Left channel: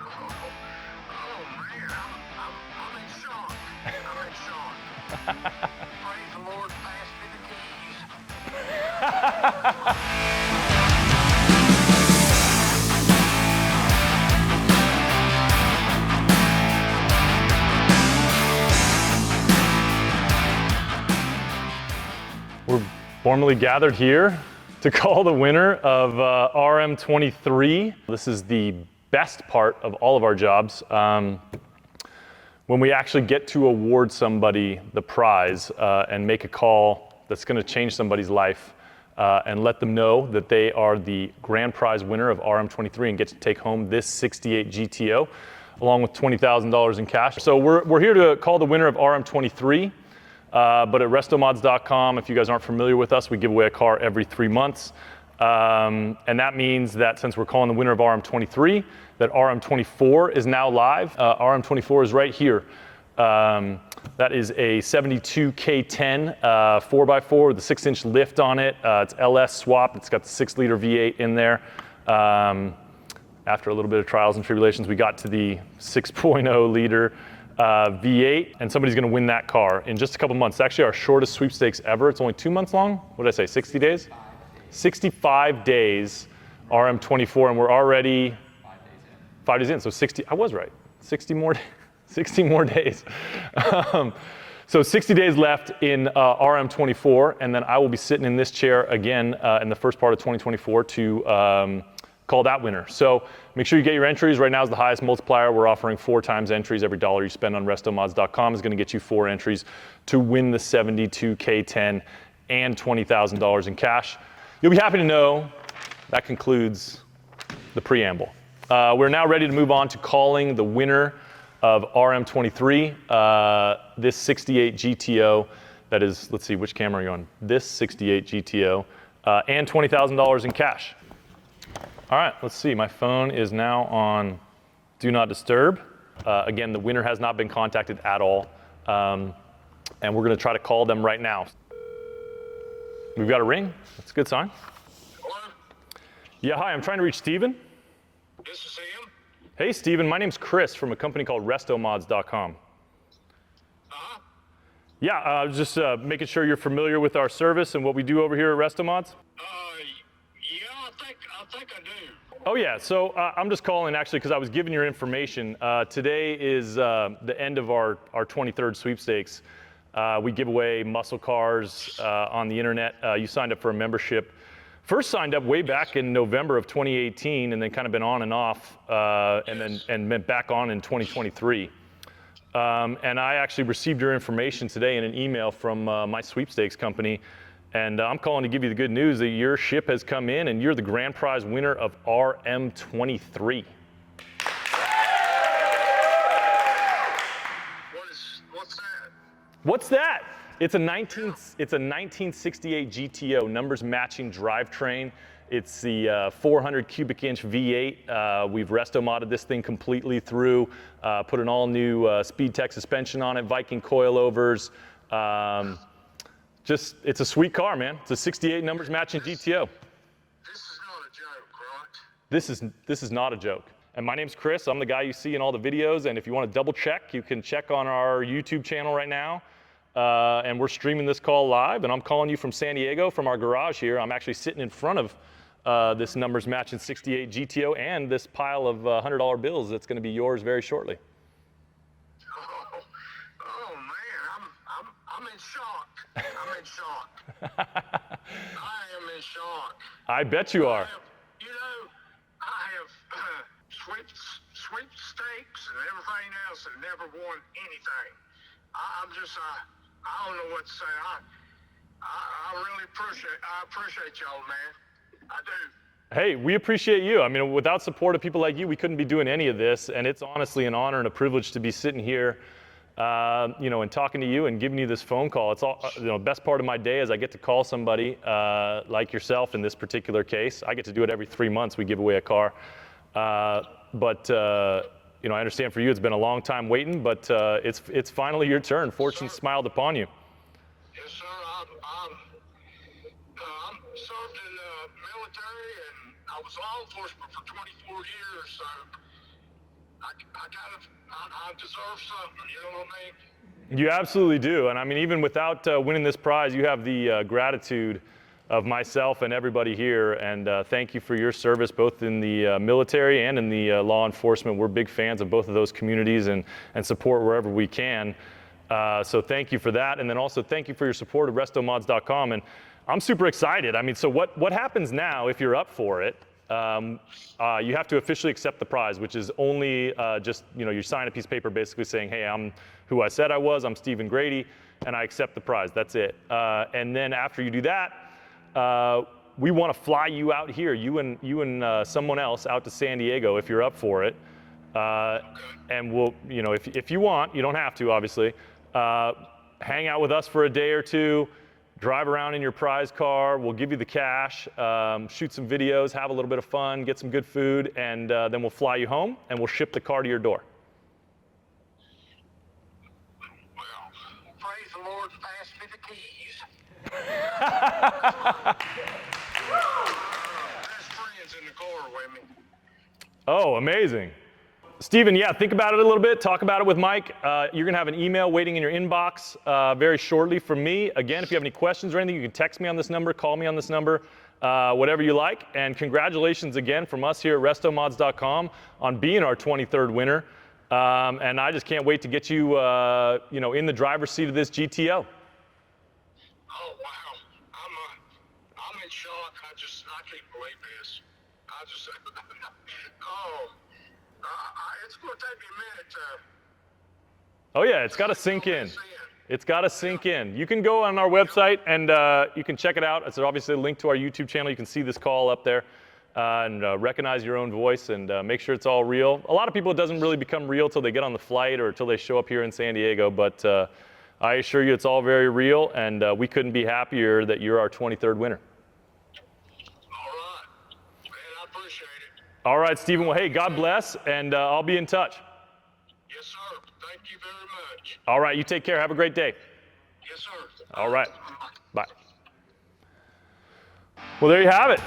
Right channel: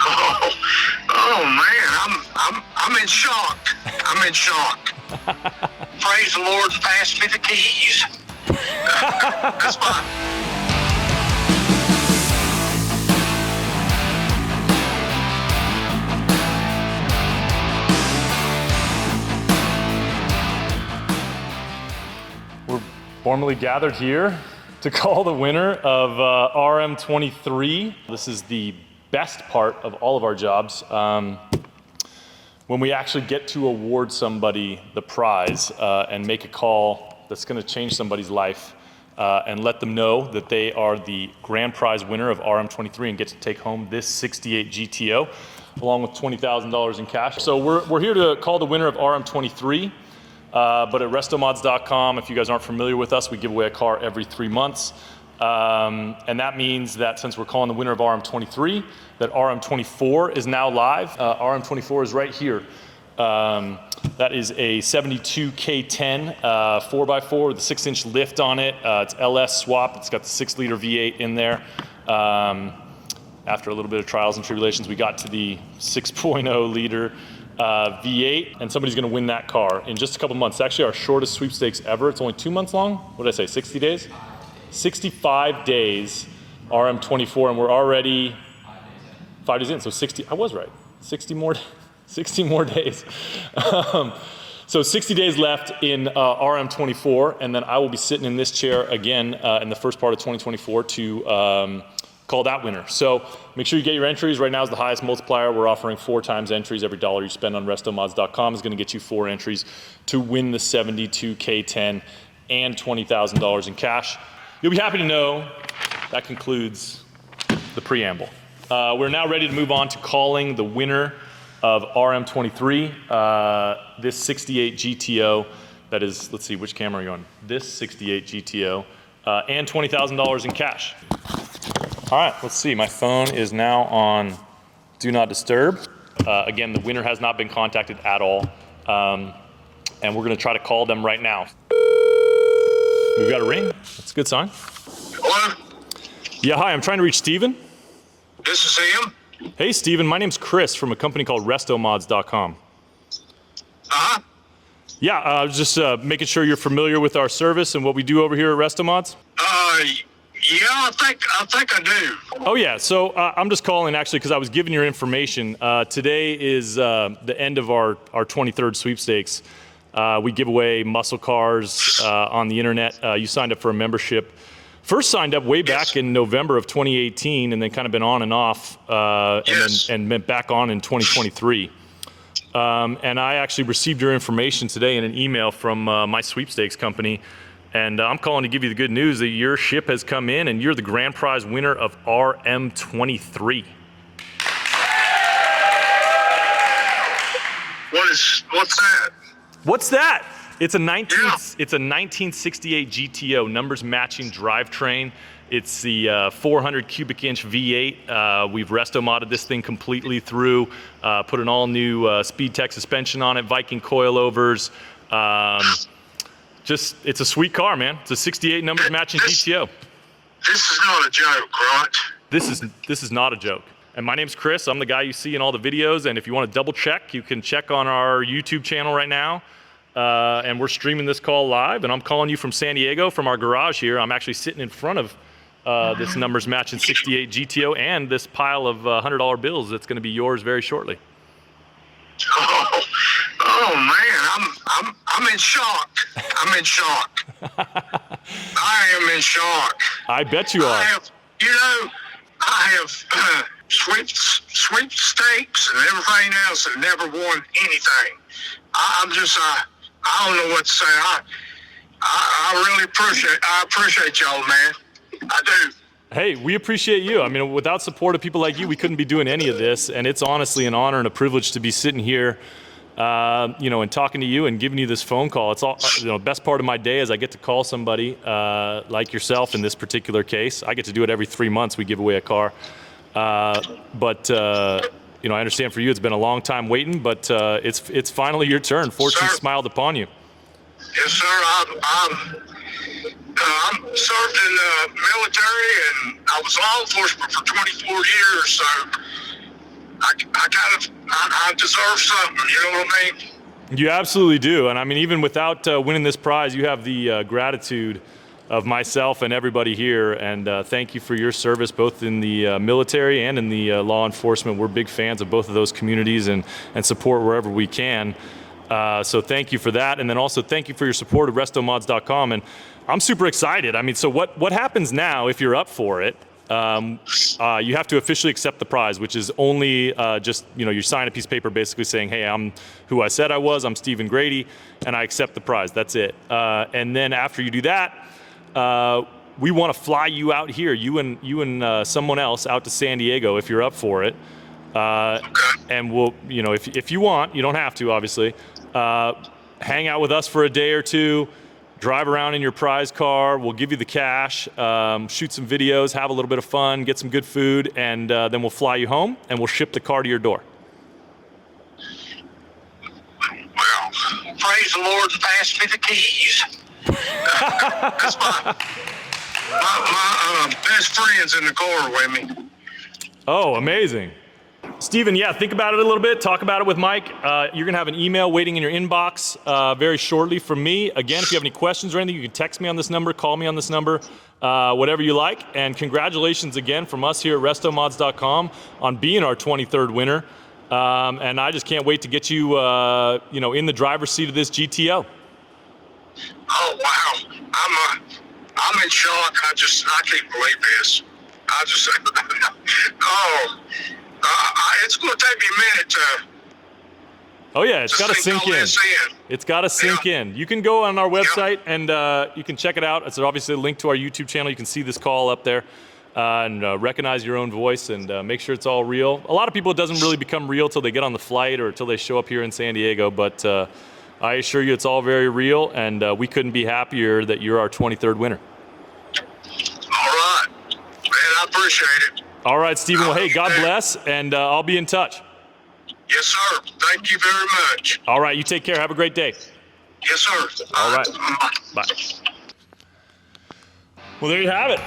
Oh, oh man, I'm in shock. I'm in shock. Praise the Lord, pass me the keys. That's fine. We're formally gathered here to call the winner of RM23. This is the best part of all of our jobs. When we actually get to award somebody the prize and make a call that's gonna change somebody's life and let them know that they are the grand prize winner of RM23 and get to take home this 68 GTO along with $20,000 in cash. So we're here to call the winner of RM23. But at RestoMods.com, if you guys aren't familiar with us, we give away a car every 3 months. And that means that since we're calling the winner of RM23, that RM24 is now live. RM24 is right here. That is a 72 K10 4x4 with a 6-inch lift on it. It's LS swap. It's got the 6-liter V8 in there. After a little bit of trials and tribulations, we got to the 6.0 liter V8, and somebody's gonna win that car in just a couple months. It's actually our shortest sweepstakes ever. It's only 2 months long. What did I say, 60 days? 65 days, RM24, and we're already 5 days in, so 60, I was right. 60 more days. So 60 days left in RM24, and then I will be sitting in this chair again in the first part of 2024 to call that winner. So make sure you get your entries. Right now is the highest multiplier. We're offering 4 times entries. Every dollar you spend on RestoMods.com is gonna get you 4 entries to win the 72 K10 and $20,000 in cash. You'll be happy to know that concludes the preamble. We're now ready to move on to calling the winner of RM23, this 68 GTO. That is, let's see, which camera are you on? This 68 GTO, and $20,000 in cash. All right, let's see. My phone is now on Do Not Disturb. Again, the winner has not been contacted at all. And we're gonna try to call them right now. We've got a ring. That's a good sign. Hello? Yeah, hi, I'm trying to reach Steven. This is him? Hey, Steven, my name's Chris from a company called RestoMods.com. Uh-huh. Yeah, I was just making sure you're familiar with our service and what we do over here at RestoMods. Yeah, I think I do. Oh yeah, so I'm just calling actually because I was given your information. Today is the end of our 23rd sweepstakes. We give away muscle cars on the internet. You signed up for a membership. First signed up way back in November of 2018 and then kind of been on and off and then back on in 2023. And I actually received your information today in an email from my sweepstakes company. And I'm calling to give you the good news that your ship has come in and you're the grand prize winner of RM23. What's that? What's that? It's a 1968 GTO, numbers matching drivetrain. It's the 400 cubic inch V8. We've resto modded this thing completely through, put an all new SpeedTech suspension on it, Viking coilovers. It's a sweet car, man. It's a 68 numbers matching GTO. This is not a joke, right? This is not a joke. And my name's Chris. I'm the guy you see in all the videos. And if you want to double check, you can check on our YouTube channel right now. And we're streaming this call live. And I'm calling you from San Diego from our garage here. I'm actually sitting in front of this numbers matching 68 GTO and this pile of $100 bills that's going to be yours very shortly. Oh man, I'm in shock. I'm in shock. I am in shock. I bet you are. I have sweepstakes and everything else and never won anything. I don't know what to say. I really appreciate y'all, man. I do. Hey, we appreciate you. I mean, without support of people like you, we couldn't be doing any of this. And it's honestly an honor and a privilege to be sitting here, and talking to you and giving you this phone call. It's all, best part of my day is I get to call somebody like yourself in this particular case. I get to do it every 3 months. We give away a car. I understand for you, it's been a long time waiting, but it's finally your turn. Fortune smiled upon you. Yes, sir. I'm served in the military, and I was law enforcement for 24 years. So I deserve something. You know what I mean? You absolutely do. And I mean, even without winning this prize, you have the gratitude of myself and everybody here. And thank you for your service, both in the military and in the law enforcement. We're big fans of both of those communities and support wherever we can. So thank you for that. And then also thank you for your support of RestoMods.com. And I'm super excited. I mean, so what happens now if you're up for it? You have to officially accept the prize, which is only just, you sign a piece of paper basically saying, hey, I'm who I said I was, I'm Steven Grady, and I accept the prize. That's it. And then after you do that, we want to fly you out here, you and someone else out to San Diego if you're up for it. And we'll, if you want, you don't have to, obviously, hang out with us for a day or two, drive around in your prize car, we'll give you the cash, shoot some videos, have a little bit of fun, get some good food, and then we'll fly you home and we'll ship the car to your door. Well, praise the Lord and pass me the keys. That's my best friend's in the car with me. Oh, amazing. Steven, yeah, think about it a little bit. Talk about it with Mike. You're going to have an email waiting in your inbox very shortly from me. Again, if you have any questions or anything, you can text me on this number, call me on this number, whatever you like. And congratulations again from us here at RestoMods.com on being our 23rd winner. And I just can't wait to get you, in the driver's seat of this GTO. Oh, wow. I'm in shock. I can't believe this. It's going to take me a minute to. Oh yeah, it's got to sink in. It's got to sink in. You can go on our website and you can check it out. It's obviously a link to our YouTube channel. You can see this call up there and recognize your own voice and make sure it's all real. A lot of people, it doesn't really become real till they get on the flight or till they show up here in San Diego, but I assure you it's all very real, and we couldn't be happier that you're our 23rd winner. All right. Man, I appreciate it. All right, Steven. Well, hey, God bless, and I'll be in touch. Yes, sir. Thank you very much. All right, you take care. Have a great day. Yes, sir. All right. Bye. Well, there you have it.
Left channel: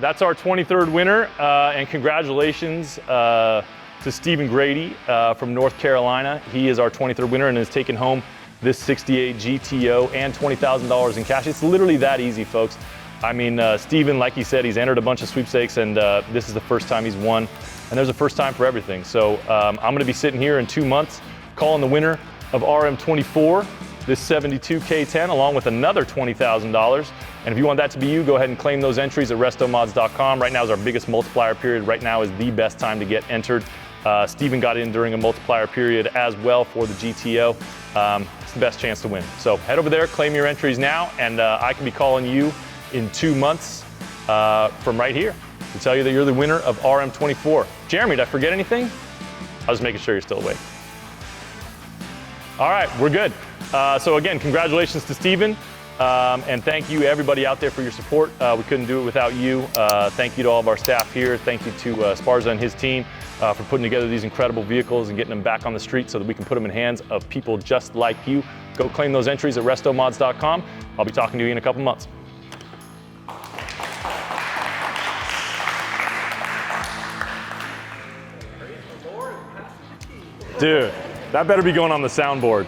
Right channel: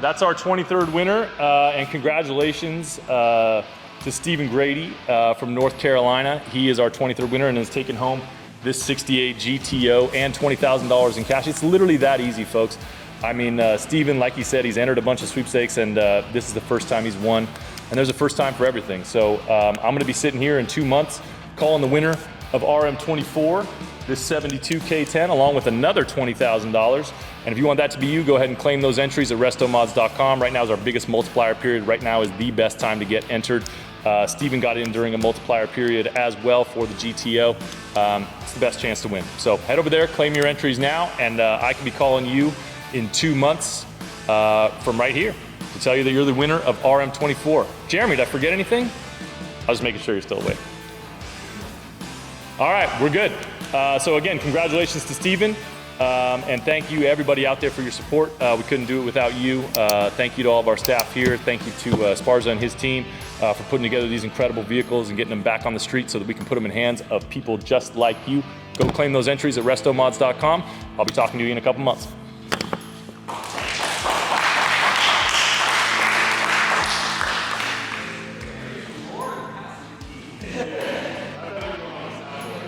That's our 23rd winner, and congratulations to Steven Grady from North Carolina. He is our 23rd winner and has taken home this 68 GTO and $20,000 in cash. It's literally that easy, folks. I mean, Steven, like he said, he's entered a bunch of sweepstakes, and this is the first time he's won. And there's a first time for everything. So I'm going to be sitting here in 2 months calling the winner of RM24, this 72K10, along with another $20,000. And if you want that to be you, go ahead and claim those entries at RestoMods.com. Right now is our biggest multiplier period. Right now is the best time to get entered. Steven got in during a multiplier period as well for the GTO. It's the best chance to win. So head over there, claim your entries now, and I can be calling you in 2 months from right here to tell you that you're the winner of RM24. Jeremy, did I forget anything? I was making sure you're still awake. All right, we're good. So again, congratulations to Steven, and thank you everybody out there for your support. We couldn't do it without you. Thank you to all of our staff here. Thank you to Sparza and his team for putting together these incredible vehicles and getting them back on the street so that we can put them in hands of people just like you. Go claim those entries at RestoMods.com. I'll be talking to you in a couple months. Dude, that better be going on the soundboard.